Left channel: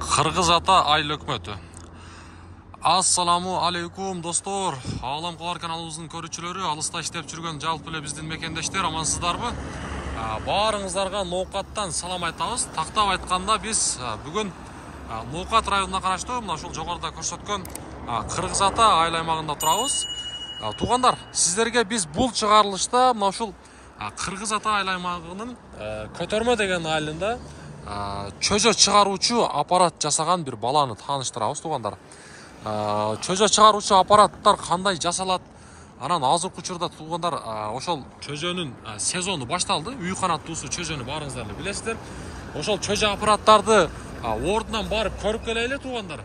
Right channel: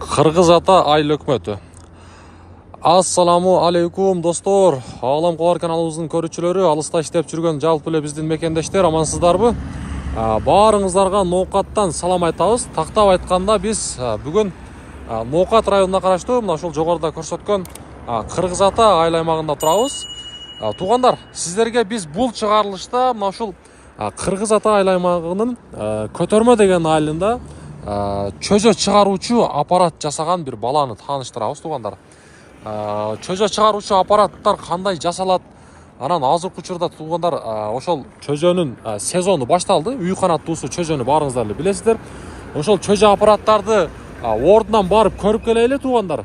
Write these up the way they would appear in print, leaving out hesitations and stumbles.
Кыргыз ата айыл өкмөтү. Ассаламу алейкум достор. Алам Кулар каналыбыздын көрүүчүлөрү, алыста иштеп жүргөн жалпы эле биздин мекендештер, амансыздарбы? Баарыңыздарга Ноокаттан салам айтабыз. Тактап айтканда биз бүгүн Ноокат районуна караштуу мына ушул жогоруда көрсөткөн Кыргыз ата айыл аймагында турабыз. Туугандар, сиздерге биз бул чыгарылышта мына ушул Кыргыз ата айыл аймагынын Көтөрмө деген айылында чөжө чыгаруучу аппарат жасаган бир баланы тааныштырабыз, туугандар. Чөжө чыгаруучу аппараттар кандай жасалат? Анан азыркы учурда туугандар ошол чөжөнүн сезону башталды. Үй канаттуусу чөжөнү баарыңыздар эле билесиздер. Ошол чөжө аппараттарды ордунан барып көрүп келели, туугандар.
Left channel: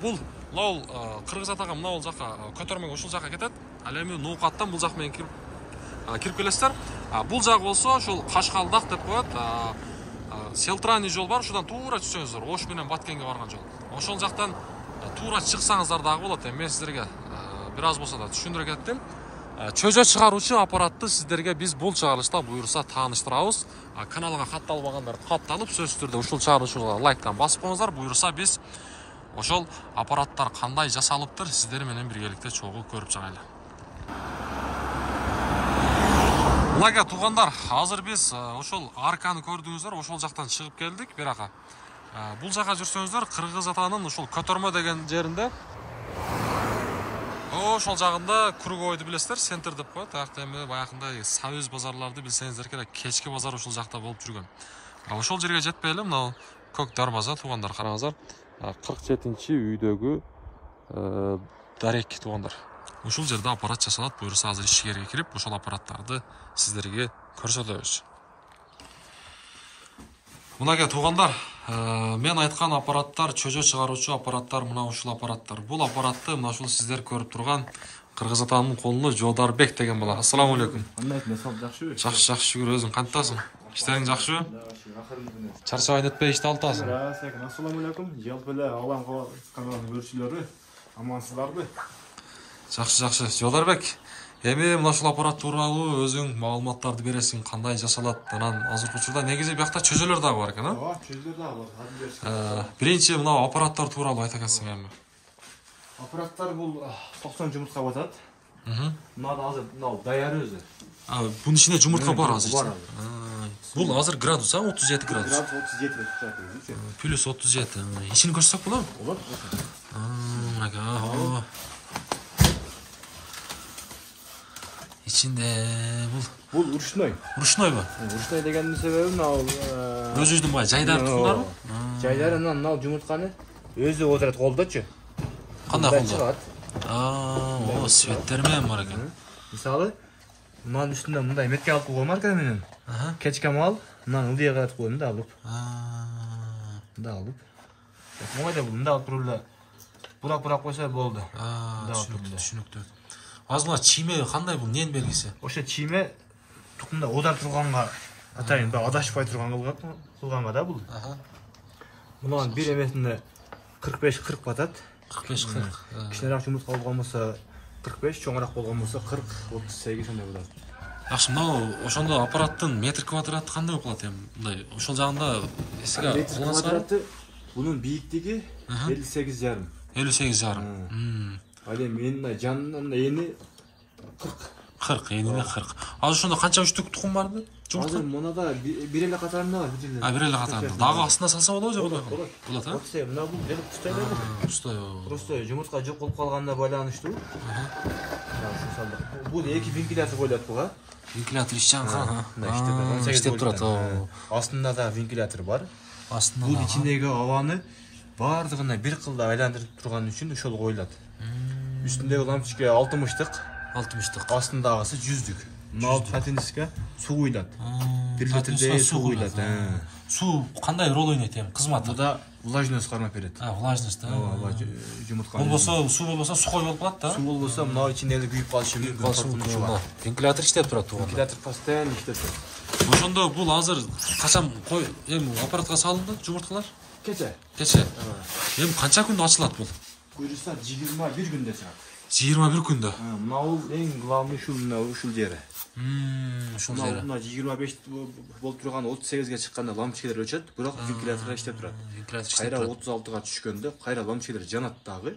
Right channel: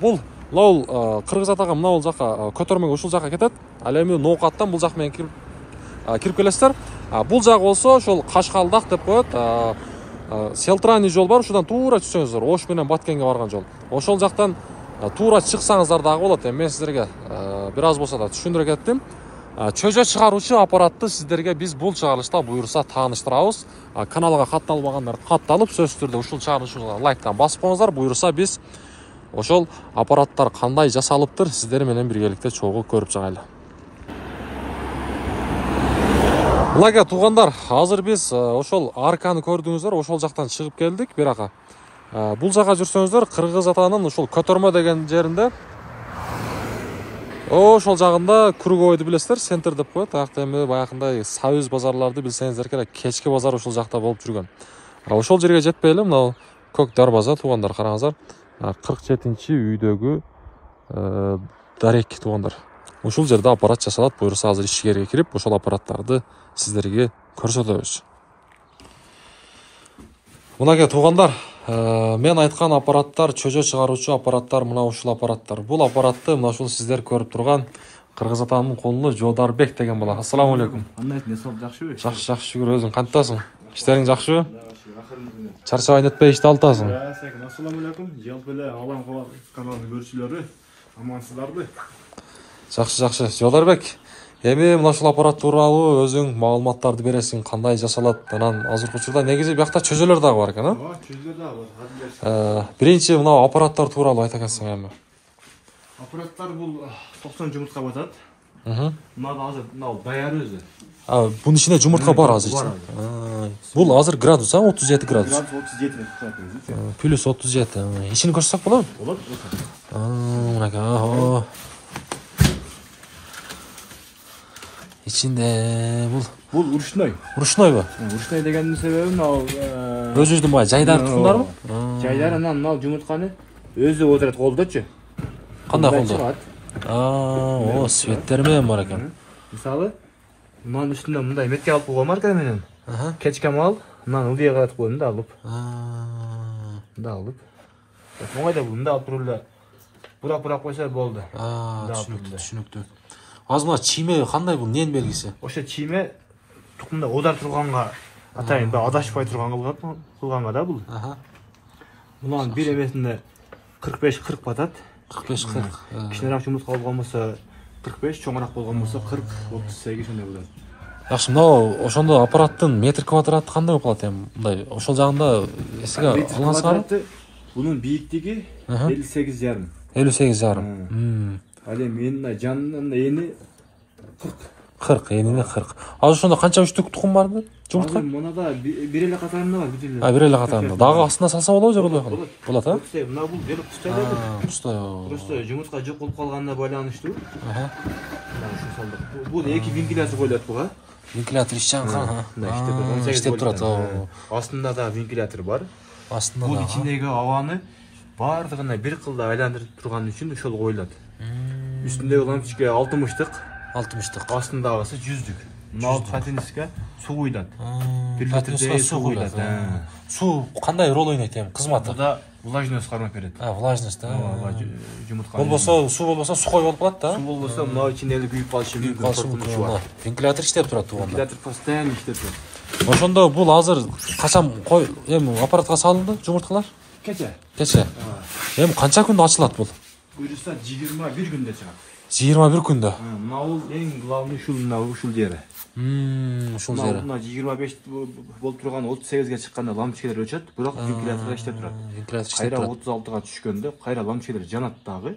Бул Кыргыз атага мына бул жака Көтөрмөгө ушул жака кетет. Ал эми Ноокаттан бул жак менен кирип келесиздер. Бул жак болсо ошол Кашкалдак деп коет. Селтрани жол бар, ушудан туура түшсөңүздөр, Ош менен Баткенге барган жол. Ошол жактан туура чыксаңыздар дагы болот. Мен сиздерге бир аз болсо да түшүндүрө кеттим. Чөжө чыгаруучу аппаратты сиздерге биз бул чыгарылышта буюрса тааныштырабыз. Каналга катталбагандар катталып, сөзсүз түрдө ушул чыгарылышка лайктан басып коюңуздар. Буюрса биз ошол аппараттар кандай жасалыптыр сиздер менен биргеликте чогуу көрүп чыгайлы. Мынага туугандар, азыр биз ошол арканы көрдүңүздөр, ошол жактан чыгып келдик, бирок бул жака жүрсөңүздөр, Кыргыз атанын ушул Көтөрмө деген жеринде ошол жагында круговойду билесиздер, центр деп коет. Акта эми баягындай союз базарларды билсеңиздер керек, кечки базар ушул жакта болуп жүргөн. Ошол жерге жетпей эле мына көк дарбаза, туугандар, караңыздар. 47-үйдөгү дарек, туугандар. Ушул жерде аппарат жасалат. Буюрса азыр ичкерге кирип, ошол аппараттарды сиздерге көрсөтөбүз. Мынага туугандар, мен айткан аппараттар, чөжө чыгаруучу аппараттар мына ушул аппараттар. Бул аппаратты мына ушул сиздер көрүп турган Кыргыз атанын колуна Жодарбек деген бала. Ассаламу алейкум. Кандай несип жакшыбы? Жакшы, шүгүр. Өзүң кантасың? Иштериң жакшыбы? Чарчабай нетпей ишти алтасың. Ассаламу алейкум. Жалпы эле Алам Кулар каналынын көрүүчүлөрү, амансыздарбы? Жакшы. Жодарбек, эми мына ушул аппарат тууралуу өзүң маалыматтарды бересиң, кандай жасалат? Анан азыркы учурда негизи биякта чөжөлөр дагы бар экен, чөжөлөр дагы бар. Биринчи мына аппараттар тууралуу айта экенсиң эми. Аппараттар бул 90 жумуртка батат. Мына азыр даяры өзү. Бунун ичинде жумуртка бар азыр. Бул азыр градус, 37 градус. 37. Плюс 37. Ичин көрсөк болобу? Болот. Мынага. Ичинде бул ручной. Ручнойбу? Ручной дегендин себеби мына өзүбүздүн бай жайдар туткундарбы? Жайдар анан мына жумуртканы өзү отурат колдочу. Кандай колдо? Светтер менен бар экен. Мисалы, мынанын үстүндө мындай метке алып койгон марка менен. Кечкем ал, мынаны ылдыйга каратып коюм да алып. Мында алып. Оңойда бул мында алып туруп эле бурап койсо болду. Түшүнүктүү. Азыр мына чийме кандай бул, эмненин белгиси? Ошо чийме тукумда одар турганга, атайын адашпай кылганга да бул. Мунун бир эмесинде 45-40 батат. 45-40. Кичинерээк жумуртка болгон болсо 45, чоңураак болгон болсо 40-38 ошондой болот. Жакшы, мына ошондо аппараттын метр квадраты кандай болуп калат эми? Мындай ошол жагында эсиге алгансызбы? Бунун бийиктиги 58,5. 58,5. Ал эми мына жанынан эни 40. 40, энини 40. Азыр ошондо канча үчтүк тукум барбы? Жумуртка? Азыр мынада бир эле катарында бар, бир эле. Бир эле катарында. Дагы астына салса болобу же болбойт? Болот, Мына бул келип тустайлайды. Просто жумуртка жок болуп калганына байланыштуу. Мына ушул салдык. Бул эки вентилятор коюлат буга. Вентилятор ич жагы. Иштеп турат. Астында да вентилятор бар. Астында бул ичиндеги абаны бардыгына бир кылда айландырып турган үчүн ошол коюлат. Үстүндөгү лампочка 60-тык. Астындагысы 100-түк. Мына катиниске суу куйулат. Катиниске суу куйулат. Суу кандай роль ойнойт эми кызматы? Буда влажность кармап берет. Влажность, жумуртка. Болбосо суу болбосо сухой болуп калат да. Суу болбосо мына ичинде эле күйүп калышы мүмкүн. Вентилятор иштеп турат туганда. Вентилятор постоянно иштеп турат. Ошондо бул азыр качан эми аппаратка салынды жумурткалар? Кече. Эми канча күндө ачылат бул? Буюрса 21 күндө чыгат. 21 күндө. Мына бул эң главный ушул мына ушул жери. Ушул жери. Мына 25 болуп турган 38ге чыкканда лампочкалар өчөт, бирок вентилятор иштеп турат. Вентилятор иштеп Кайра турат. 36га түшкөндө кайра лампочкалар жанат дагы.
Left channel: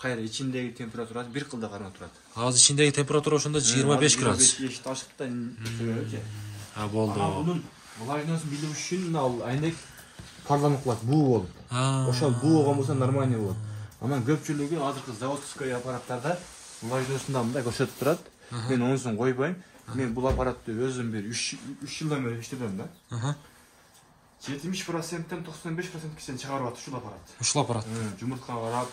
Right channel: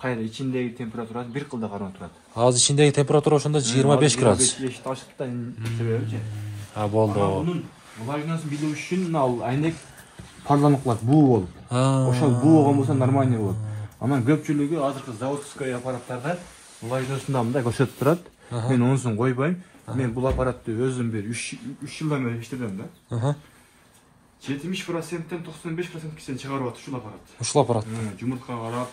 Кайра ичиндеги температура бир кылда карап турат. Азыр ичиндеги температура ошондо 25 градус. Эшик ачыктан себеби. Болду. Бунун влажносын билүү үчүн мына айнек парламент кылат, буу болуп. Ошол буу болгон болсо нормальный болот. Анан көпчүлүгү азыркы заводской аппараттарда влажносунда мындай көрсөтүп турат. Мен онусун койбойм. Мен бул аппаратты өзүм бир 3 жылдан бери иштедим да. 70%тен 95%ге чейин чыгарып атат ушул аппарат. Ушул аппарат. Жумуртка карап,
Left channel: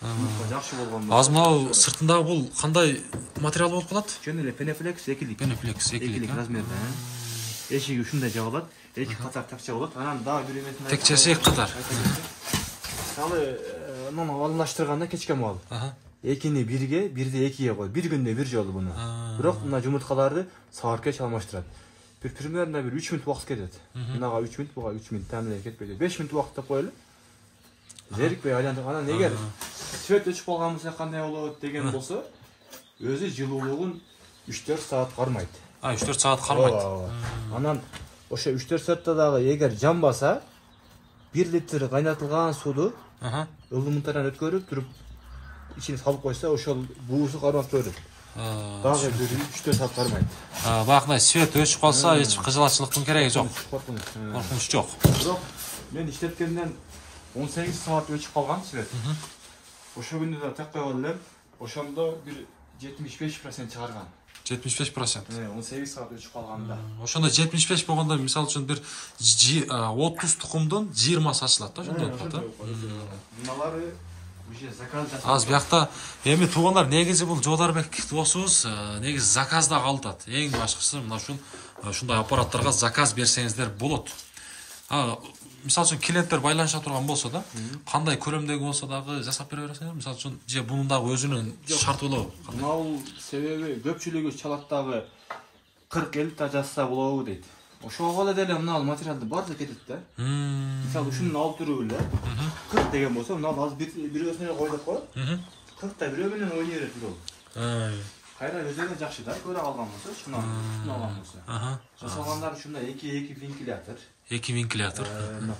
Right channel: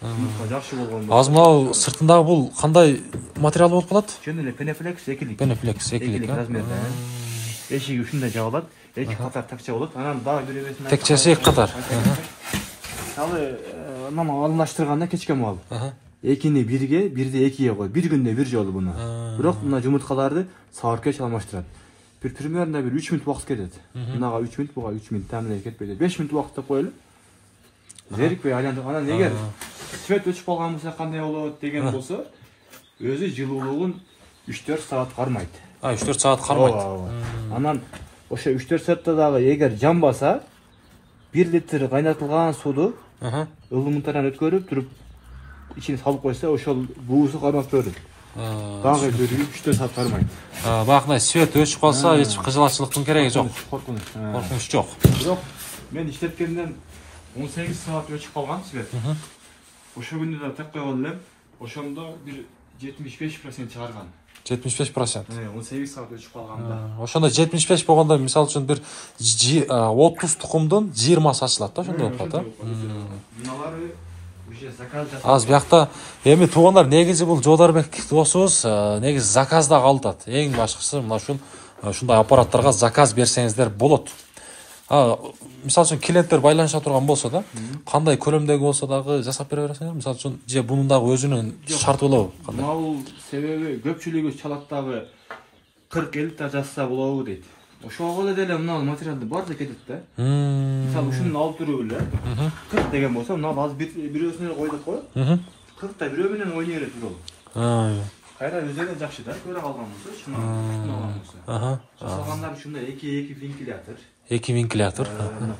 жумуртка жакшы болгон. Азыр мына сыртындагы бул кандай материал болуп калат? Жөн эле пенефлекс экилик. Пенефлекс экилик размерде. Эшиги ушундай жабылат. Эки катар такча болот. Анан дагы бир эмесин текчеси эки катар. Мисалы, анан алындаштырганда кечкен мал. 2-ни 1-ге, 1-ди 2-ге коет. Бир күндө бир жолу буну. Бирок мына жумурткаларды саатка алмаштырат. Бир примерно бир 3 мүнөт убакыт кетет. Мынага 3 мүнөт, буга 3 мүнөт тамилей кетпейди. 5 мүнөт убакытта коелу. Зерикпей айлантып, анан эгер свет өчүп калган болсо кандай болот деген болсо, өзү жылуулугун 3-4 саат кармайт. 3-4 саат кармайт. Анан ошо 3-4 саатта дагы эгер жанбаса, 1 литр кайнатылган сууну ылдымынтардан өткөрүп туруп ичине салып койсо, ошол буусу кармап берет. Дагы 3-4 саат кармайт. Багындай свет өчүп калса, эч кыжылачылыктын кереги жок. Коркунуч жок. Бирок мен иштеткенден 18 саат өчүп калган свет. Ошо күндө да так койгон элем. Ошондо бир 75% чыгарган. 75%. 18 саат өчүп калганда. Ошондо 75 болгондо, мисалы үчүн бир 30 тукумдун 20сы ачылат да, ошондой болуп калат. Мыналары уже заказ жасап. Аз биякта эми туугандар, негизи бул Жоодарбек досубуз негизи заказда калтат. Эң башкысы мына ушундай аппараттарга заказ берсеңиздер болот. Мисалы үчүн клиенттер байланыша турган болсо да, кандай көлөмдөгү болсо дагы жасап бере бересиңер. Мисалы үчүн же бунун дагы өзүнүн шарты болобу? Бул себеби көпчүлүгү чалат дагы 40-50 та жазса болобу дейт. Ошого эле деле мына материалды баардыгы кетет да. Мисалы ушуну алып туруп эле 40 деген болсо, мына азыр бирөөсүн эле кой деп коет. 40 та бирөө менен ойной берет бул. Кайра өзүнө жакшы да, көрө калган болсо, шуну алган болсо. Жасалгандар ушундай 2 вентилятор. 2 вентилятор.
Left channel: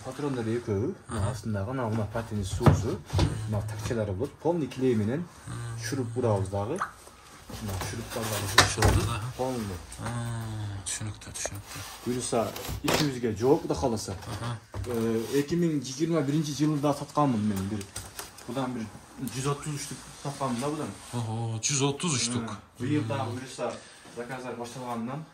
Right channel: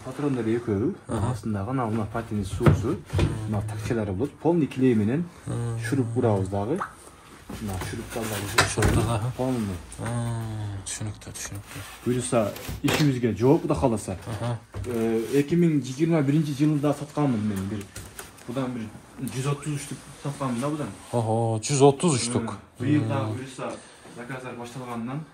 Патрондор экөө, астындагы мына патини суусу, мына такчалары болот. Полный клей менен шуруп бурабыз дагы. Мына шуруптарды полный. Түшүнүктүү. Буюрса, ишибизге жооп да каласа. 2021 жылда сатканмын мен бир. Будан бир 133 сатканмын да будан. 133. Быйыл да буюрса заказдар башталгандан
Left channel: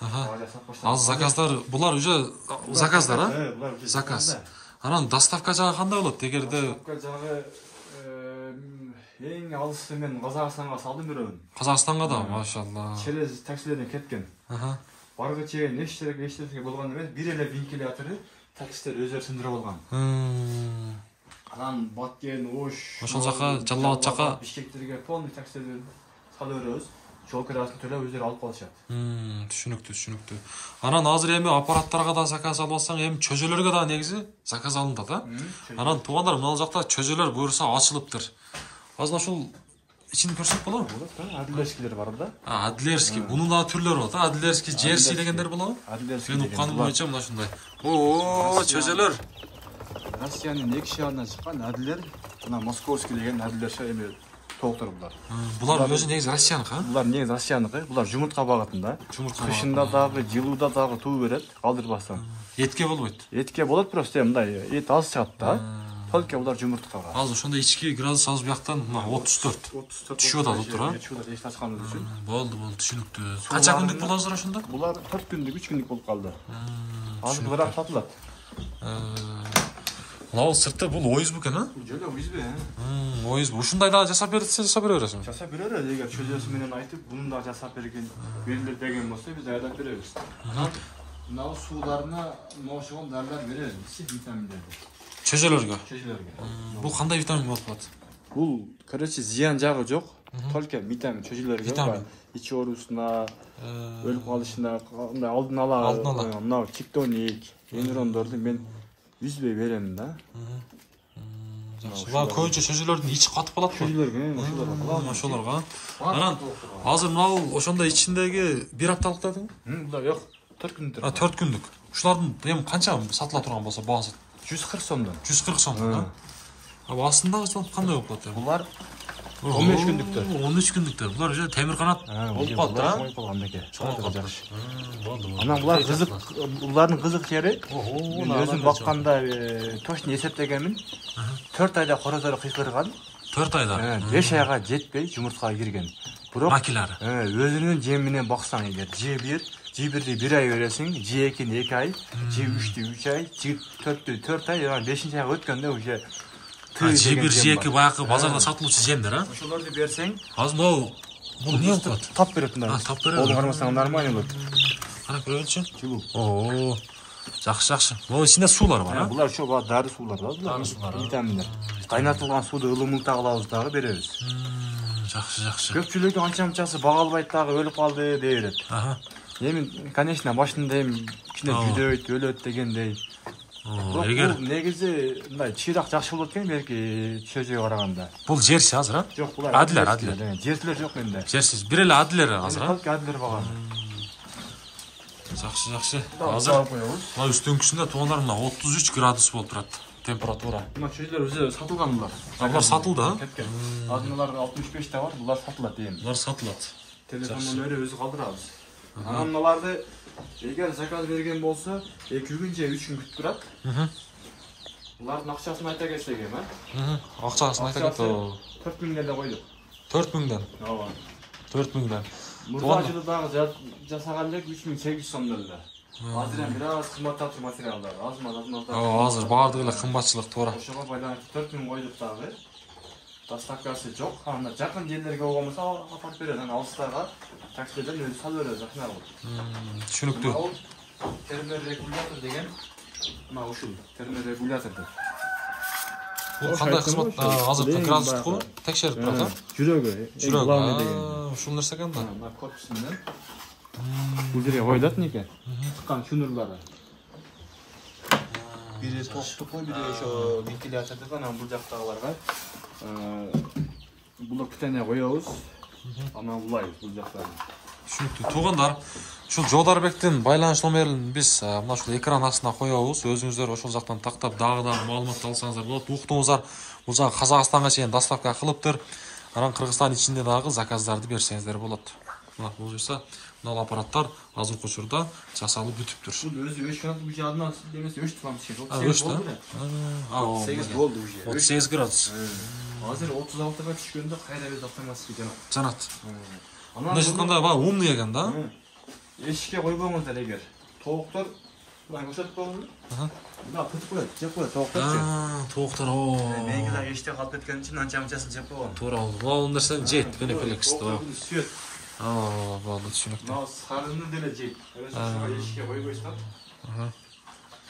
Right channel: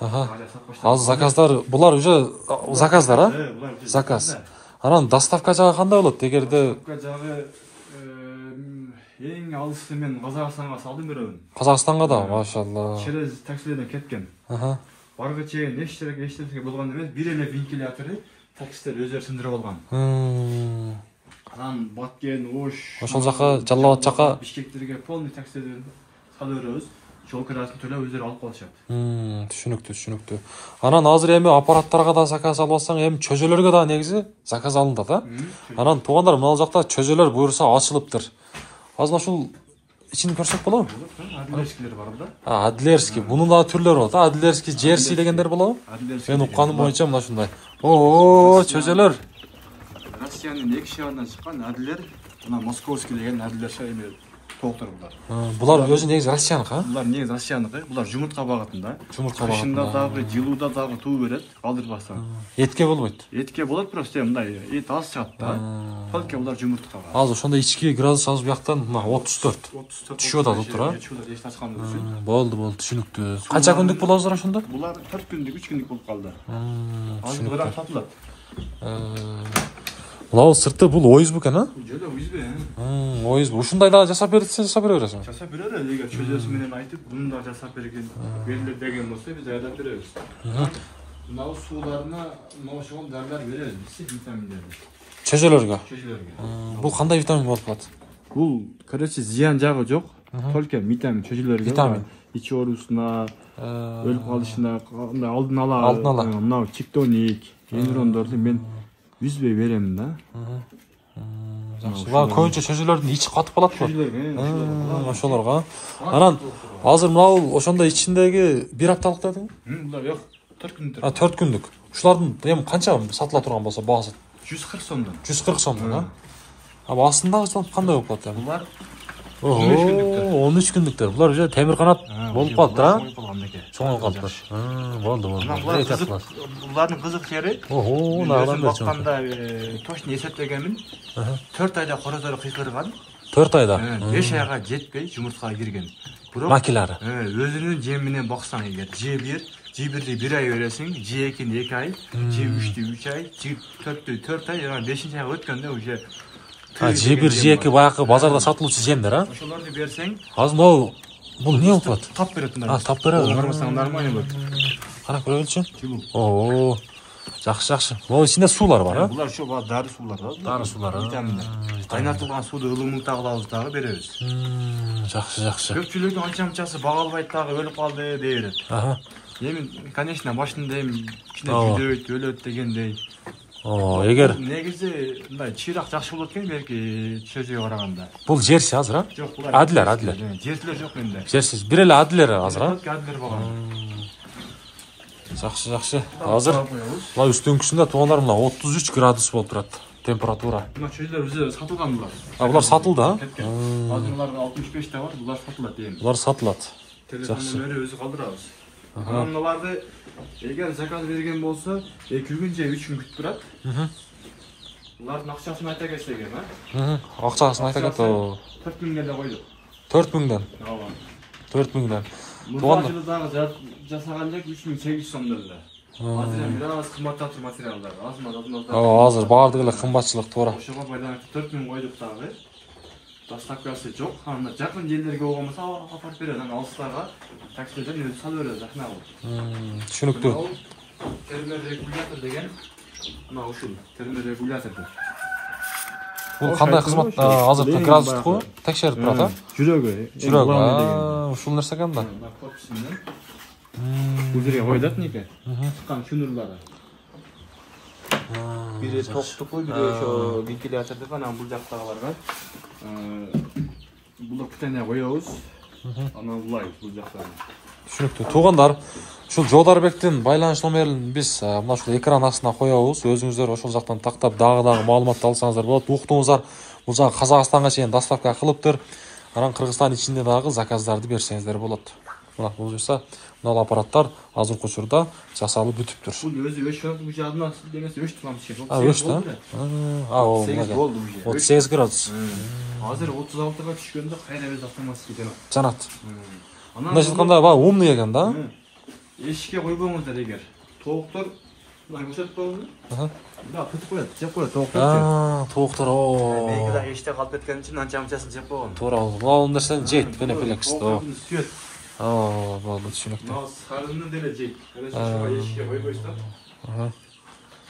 Азыр заказдар, булар уже заказдар, булар заказ. Анан доставка жагы кандай болот? Эгерде доставка жагы эң алысы мен Казакстанга салдым бирөөнү. Казакстанга да, машалла. Через таксилерден кеткен. Барга чейин эчтеке болгон эмес, бир эле вентилятору таксилер өздөрү сындырып алган. Анан Баткен, Ош, ошол жака, Жалал жака Бишкектерге полный таксилерди салып беребиз. Жол кирасын төлөп өздөрү алып калышат. Түшүнүктүү. Анан азыр эми аппараттарга да заказ алып алсаң, эми чөжөлөргө да негизи заказ алынат, Анан туугандар, мына жакта чөжөлөр буюрса ачылыптыр. Азыр ушул ичин көрсөк болобу? Адлерскилер бар да. Адлерский. Бунун да түрлөрү бар. Адлерский, Джерси дегендер болобу? Мен укканым боюнча мына ушундай. Чөжөлөр. Россиянын эки шаарынан чыккан Адлер, мына Московский деген Адлер эми толтур булар. Булар өзү негизи Россияныкы, Булар негизи Россияныкы. Булар жумуртка багытында. Кышында дагы, жылууда дагы туу берет, калдырбастан. Этке болбойт. Этке болот, просто мындай эт аз чыгат да. Только булар жумурткага. Азыр ошондой ички градус азыр бияктан мына 34. Түшүп атат, тура. Болду, түшүнүктүү. Канча күндүк болобуздар ошондо? Булар 4 күндүк, 3 күндүк болуп калды. Азыр грам сатылат. Мына сырты бул ОСБ экен, Жөн ОСБ. ОСБ. Ушундай дагы жасап берсе, жасап бере бересиң. Жасап берер, эгер чөжөсү менен айтып, буну да жасап берген, берилер деген болсо, биз айдап беребиз. Мына сууларына ошол дардар беребиз, витаминдерди. Чөжөлөргө. Чөжөлөргө. Бул кандай витамин болуп калат? Бул, короче, зыян жагы жок. Только витамин чөжөлөргө. Витамин. Ич оорусуна, өлүп калышына, мындай алдын ала, мына чиктоник, генерондорду мен үзбөй берем да. Булар көбүнчө чөжөлөрдүн ичи катып калат го. Чөжөлөр, Ошолорго. Анан азыр мына ошондой ичиндеги 1 апталык дедиң? Булар жок, 4 күндүк. 4 күндүк. Ушулардын эми канча сатыла турган болсо баасы? 140 сомдон. 140 сомдон, а? Астындагы кандай болуп калат эми? Булар 13 күндүктөр. 13 күндүктөр. Булар уже темир канат болуп калат да? Чоңойгоп калыптыр. Болду. Булардын кызык жери. Өзүм бакканда точно эсептегенмин. 4 айда корозору кыйкырган. 4 айда. 5 айга жетпей жумуртка кирген. Бирок макилары. Өзүнүн жем менен баксаң эгер, Ж1 1 ай бересиң, Ж2 2 ай, Ж3 3 ай, Ж4 4 ай, 5 айга өткөндө уже Ж1 Ж2 баягы базарда сатылуучу жемдер, а? Ошолорду берсең, азыр бул эмне болуп калат? тап берет мына. Тап берет. Карасаң нормально болот. Карап көрөлүчү. Жакшы. Могу ичинде суулар бар, а? Булар ошо дары суулар да. Дары суулар. Витаминдер. Кайнатылган сууду ылымыңта кылабыз дагы беребиз. Жакшы. Көпчүлүгү анча-мынчасы бага албайт дагы өлүп калды дей берет. Эми, конечно, башында эми кичине күйдөйт, өлөт дегендей. Эгер негизи мындай чыйрак жакшы болот экен белки чөжөгө караганда. бул жерси азыр, а? Жок, булар Адилер. Жертилер жок менде. Жерсиз. Бир эле адилер азыр, а? Адилер баган. Жакшы. Азыр мына үстүңкүсүндө туугандар мына 33 градус болуп турат температура. Мына чөжөлөр өзү сатылган булар. Булар сатылды, а? Азыр буларда 65 та бар, булар сатылат эми. Булар сатылат. Телефондон өзү калдырабыз. Мыналарды эгер заказ берген болсо 2 күн же 3 күн күтүп турат. Булардын акчасын айта кетсек эми, а? Акчасын айта кет. 4 миңден эле койдук. 4 миңден. Ооба. 4 миңден. Мурда жылы дагы жасаган элек 3800 сом эле. Материал бир аз кымбаттап тур материалдар. Азыр баардыгы эле кымбатчылык туура. Ошого байланыштуу 4 миң койдук дагы. Доставкасы жок. Анда жакын жерлерге болгонбосо апарып берет, анан алыстарга таксилерден өзү салып берет, жакына болот. Түшүнүктүү. Терморегулятор деген мына ушул терморегулятордур. Бул кандай кызмат? Азыр градустуку текшерип турат, а? Жүрөгү. Ушул нерсе экен да. Мына корпусунан бул жерге коюлат неке. Чыккан шунурлары. Бири токтуку, бири ошо вентилятордуку, анан бул жактагыларга бул питание коебуз. Анан улайбыз бул жактарына. Түшүнүктүү. Туугандар, ушул Жодарбектин байланыш номерин биз мына ушул экран астына коебуз. Өзүңүздөр ошол жактан тактап дагы маалымат алсаңыздар болот. Уктуңуздар, бул жагы Казакстанга чейин доставка кылыптыр. Анан Кыргызстан ичинде дагы заказдарды берсеңиздер болот. Мына бул жаса, мына аппараттар азыркы учурда жасалып бүтүптүр. Бул өзү өчкөн бул жадынан демесе өчтү лампа чек. Өчтү, а? 8 болду уже. 38 градус. Азыр 36га түшкөндө кайра өз автоматически жанат. Жанат. Мындайча айтканда, баягы умный экен да? Эшикке койбоңуздар эгер. Тооктор мына көрсөтүп коебузбу? Мына тутуп коет, жеп коет тооктор. Тооктор. Меники да эшикте калып кеткен үчүн анча-мынчасын жеп койгон. Туура, бул нерсени жейт, Бенеплекс. Болду, түшүнүктүү. Мына сарыны деле жейт. Эшикке койбойсуздар.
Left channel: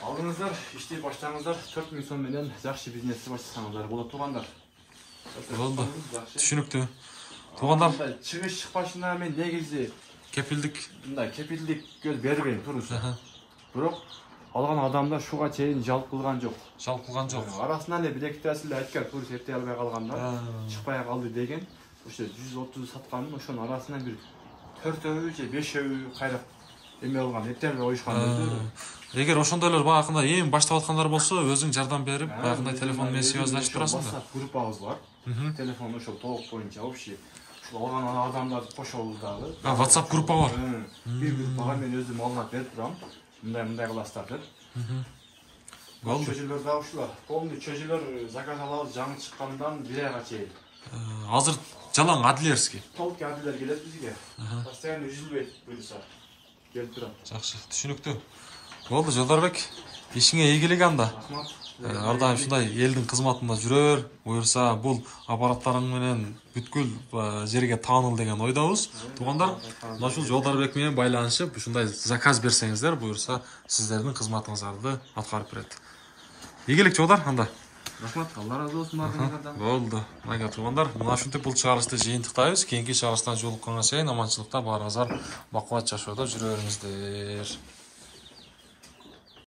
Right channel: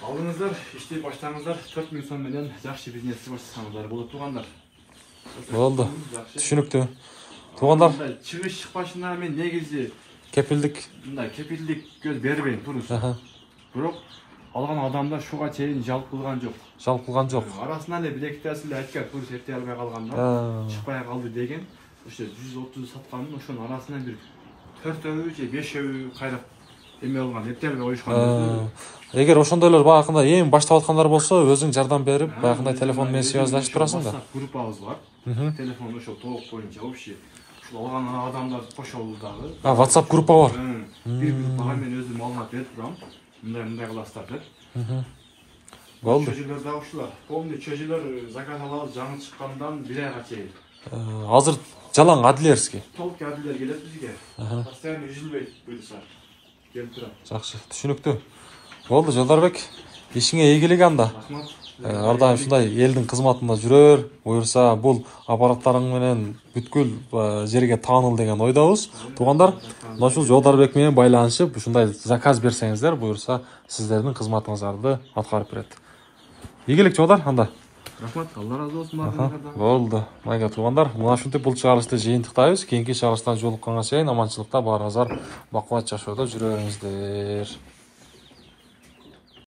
Алыңыздар, иштей баштаңыздар, 4 миң сом менен жакшы бизнести баштасаңыздар болот туугандар. Болду, түшүнүктүү. Туугандар, чыгыш чыкпашына мен негизи кепилдик, мындай кепилдик көз бербейм, туруз. Бирок алган адамдар шуга чейин жалп кылган жок. Жалп кылган жок. Арасынан эле бир-экитаси эле айткан, туруз эртей албай калгандар, чыкпай калды деген. Ошо 130 сатканын ошонун арасынан бир 4өө же 5өө кайра эме алган, эртей албай коюшкан. Эгер ошондойлор баягындай эми баштап аткандар болсо, өзүң жардам берип, баягындай телефон менен связьдашып турасың да. WhatsApp группабыз бар. Телефон ошо толук боюнча общий. Ушул алган адамдарды кошобуз дагы. WhatsApp группа бар. Бир группага мен өзүм маалымат берип турам. Мындай кыласыздар деп. Болду. Чөжөлөр да ушулар. Полный чөжөлөр заказ алабыз жаңы чыккандан 1 айга чейин. Азыр жалаң адилерский. Толук адилер келет бизге. Постоянно үзүлбөйт буюрса. Келип турат. Жакшы, түшүнүктүү. Болду, Жолдарбек. Ишиңе ийгилик анда. Ар дайым ушундай элдин кызматында жүрөр, буюрса бул аппараттарың менен бүткүл жерге тааныл деген ойдобуз. Туугандар, мына ушул Жолдарбек менен байланышып, ушундай заказ берсеңиздер, буюрса сиздердин кызматыңыздарды аткарып берет. Ийгилик Жолдар анда. Рахмат, Алла разы болсун баарыңыздардан. Болду. Майга туугандар, мына ушинтип бул чыгарылышты жыйынтыктайбыз. Кийинки чыгарылыштан жолукканга чейин аманчылыкта баарыңыздар бакубат жашоодо жүрө бериңиздер.